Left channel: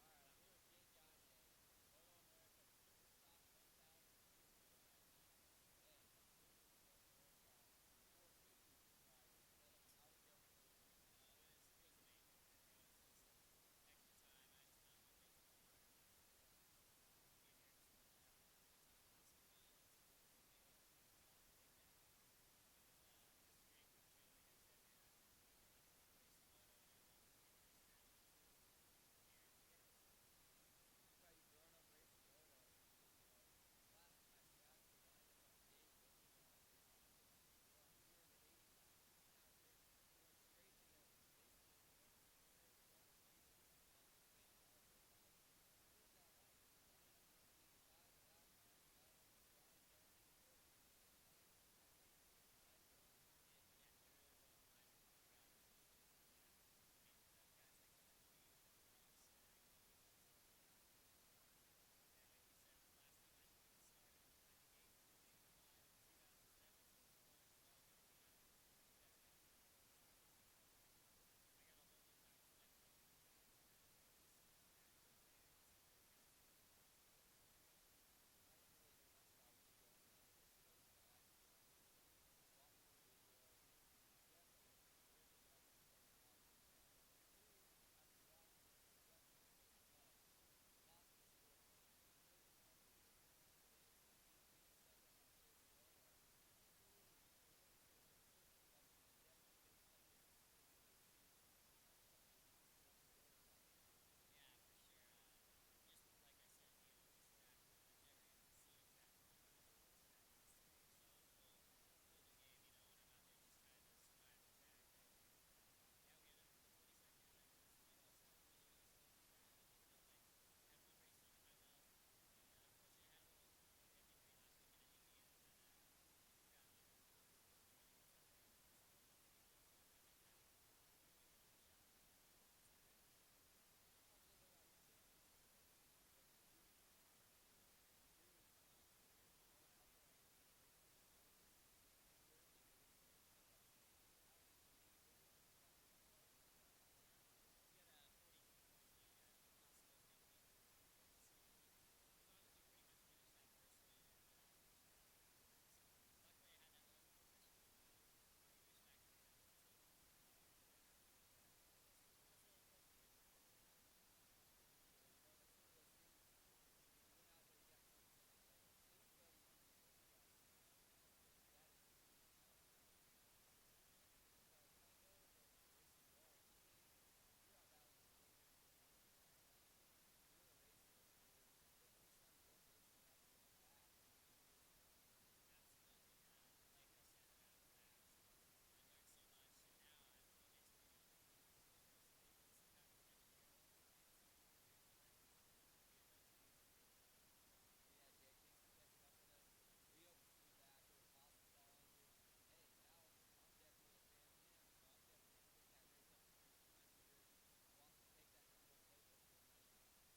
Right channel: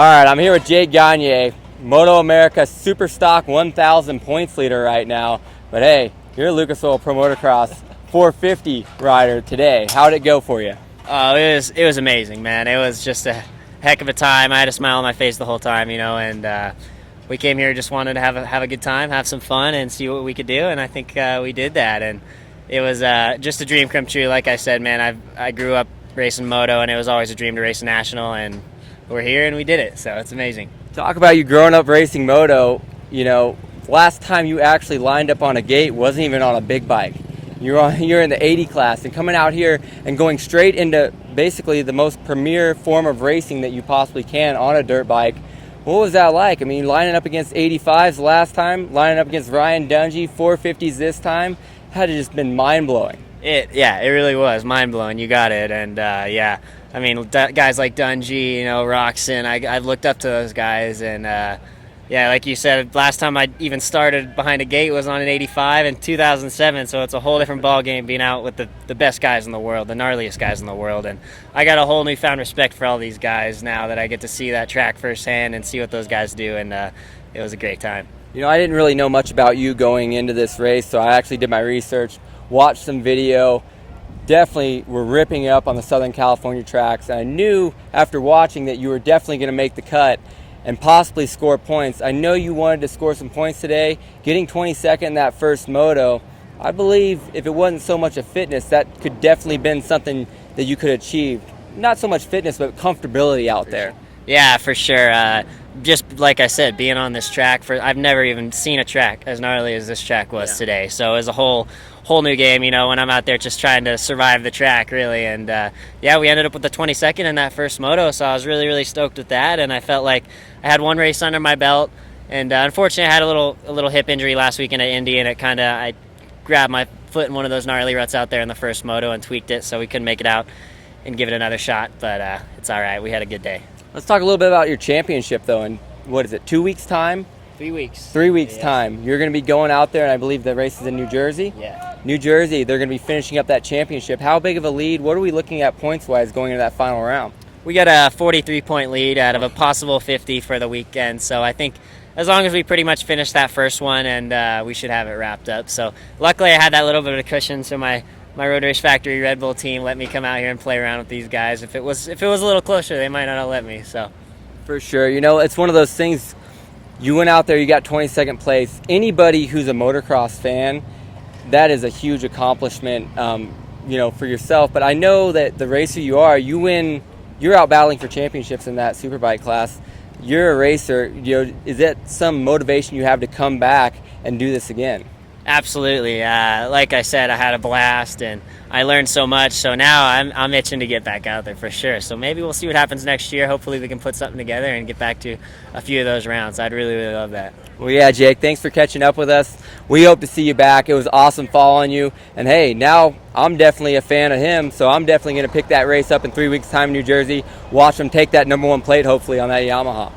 All right, I'm here with Jake Gagne, MotoAmerica Superstock 1,000 points leader right now. But hey, you're a Lucas Oil Pro Motocross 450 rider today. How'd it go for you? Oh, it was amazing, man. It was just a heck of a time. I had a smile on my face the whole time, and we came here just wanted to have a good time, have some fun, and see what we could do, and I think we did that. And it was just a dream come true. Like I said, man, I grew up racing moto, and it was always a dream to race a national, and we're here and we did it, so it's amazing. Talk about you growing up racing moto. Last time you actually lined up on a gate wasn't even on a big bike. You're in the 80 class and coming out here and going straight into basically the most premier form of racing that you possibly can on a dirt bike. What was that like? I mean, lining up against 85s last time, lining up against Ryan Dungey, 450s this time, had to just been mind-blowing. It really was mind-blowing. You got it. And I mean, guys like Dungey, Roxon, I've looked up to those guys. And like you said, last time I even started behind a gate was on an 85 in 2007, so it's a whole different ball game being out with the best guys in the world, the gnarliest guys in the world. And I got a whole newfound respect for all these guys now that I get to see that track firsthand and see what those guys do, and it was a great time. I didn't really know much about you going into this race, so I actually did my research, watched some video. Definitely were ripping up on the Southern California tracks, and I knew after watching that you were definitely going to make the cut and possibly score points. I know you wanted to score some points today. Getting 22nd in that first moto, I believe if it wasn't so much a fitness, that could definitely been something that you could achieve. Not so much fitness, but comfortability out there. Yeah, for sure. Just like I said, being on this track, I've never even seen a track as gnarly as this track was today. So it was a whole new game, when I'm out there just trying to survive the track, really. And we ended up with the 22nd in that first moto, so I was really, really stoked with that. And I felt like I had one race under my belt, and unfortunately I had a little hip injury last weekend at Indy, and I grabbed my foot in one of those gnarly ruts out there in the first moto and tweaked it, so we couldn't make it out and give it another shot. But it's all right. We had a good day. Let's talk a little bit about your championship, though. In what is it, 2 weeks' time? 3 weeks. 3 weeks' time. You're going to be going out there, and I believe the race is in New Jersey? Yeah. New Jersey, they're going to be finishing up that championship. How big of a lead? What are we looking at points-wise going into that final round? We got a 43-point lead out of a possible 50 for the weekend, so I think as long as we pretty much finish that first one, and we should have it wrapped up. So luckily I had that little bit of a cushion, so my Road Race Factory Red Bull team let me come out here and play around with these guys. If it was a little closer, they might not have let me. So for sure. It's one of those things. You went out there, you got 22nd place. Anybody who's a motocross fan, that is a huge accomplishment, for yourself. But I know that the racer you are, you're out battling for championships in that superbike class. You're a racer. Is that some motivation you have to come back and do this again? Absolutely. Like I said, I had a blast and I learned so much. So now I'm itching to get back out there for sure. So maybe we'll see what happens next year. Hopefully we can put something together and get back to a few of those rounds. I'd really, really love that. Well, yeah, Jake, thanks for catching up with us. We hope to see you back. It was awesome following you. And hey, now I'm definitely a fan of him, so I'm definitely going to pick that race up in 3 weeks' time in New Jersey. Watch him take that #1 plate, hopefully, on that Yamaha.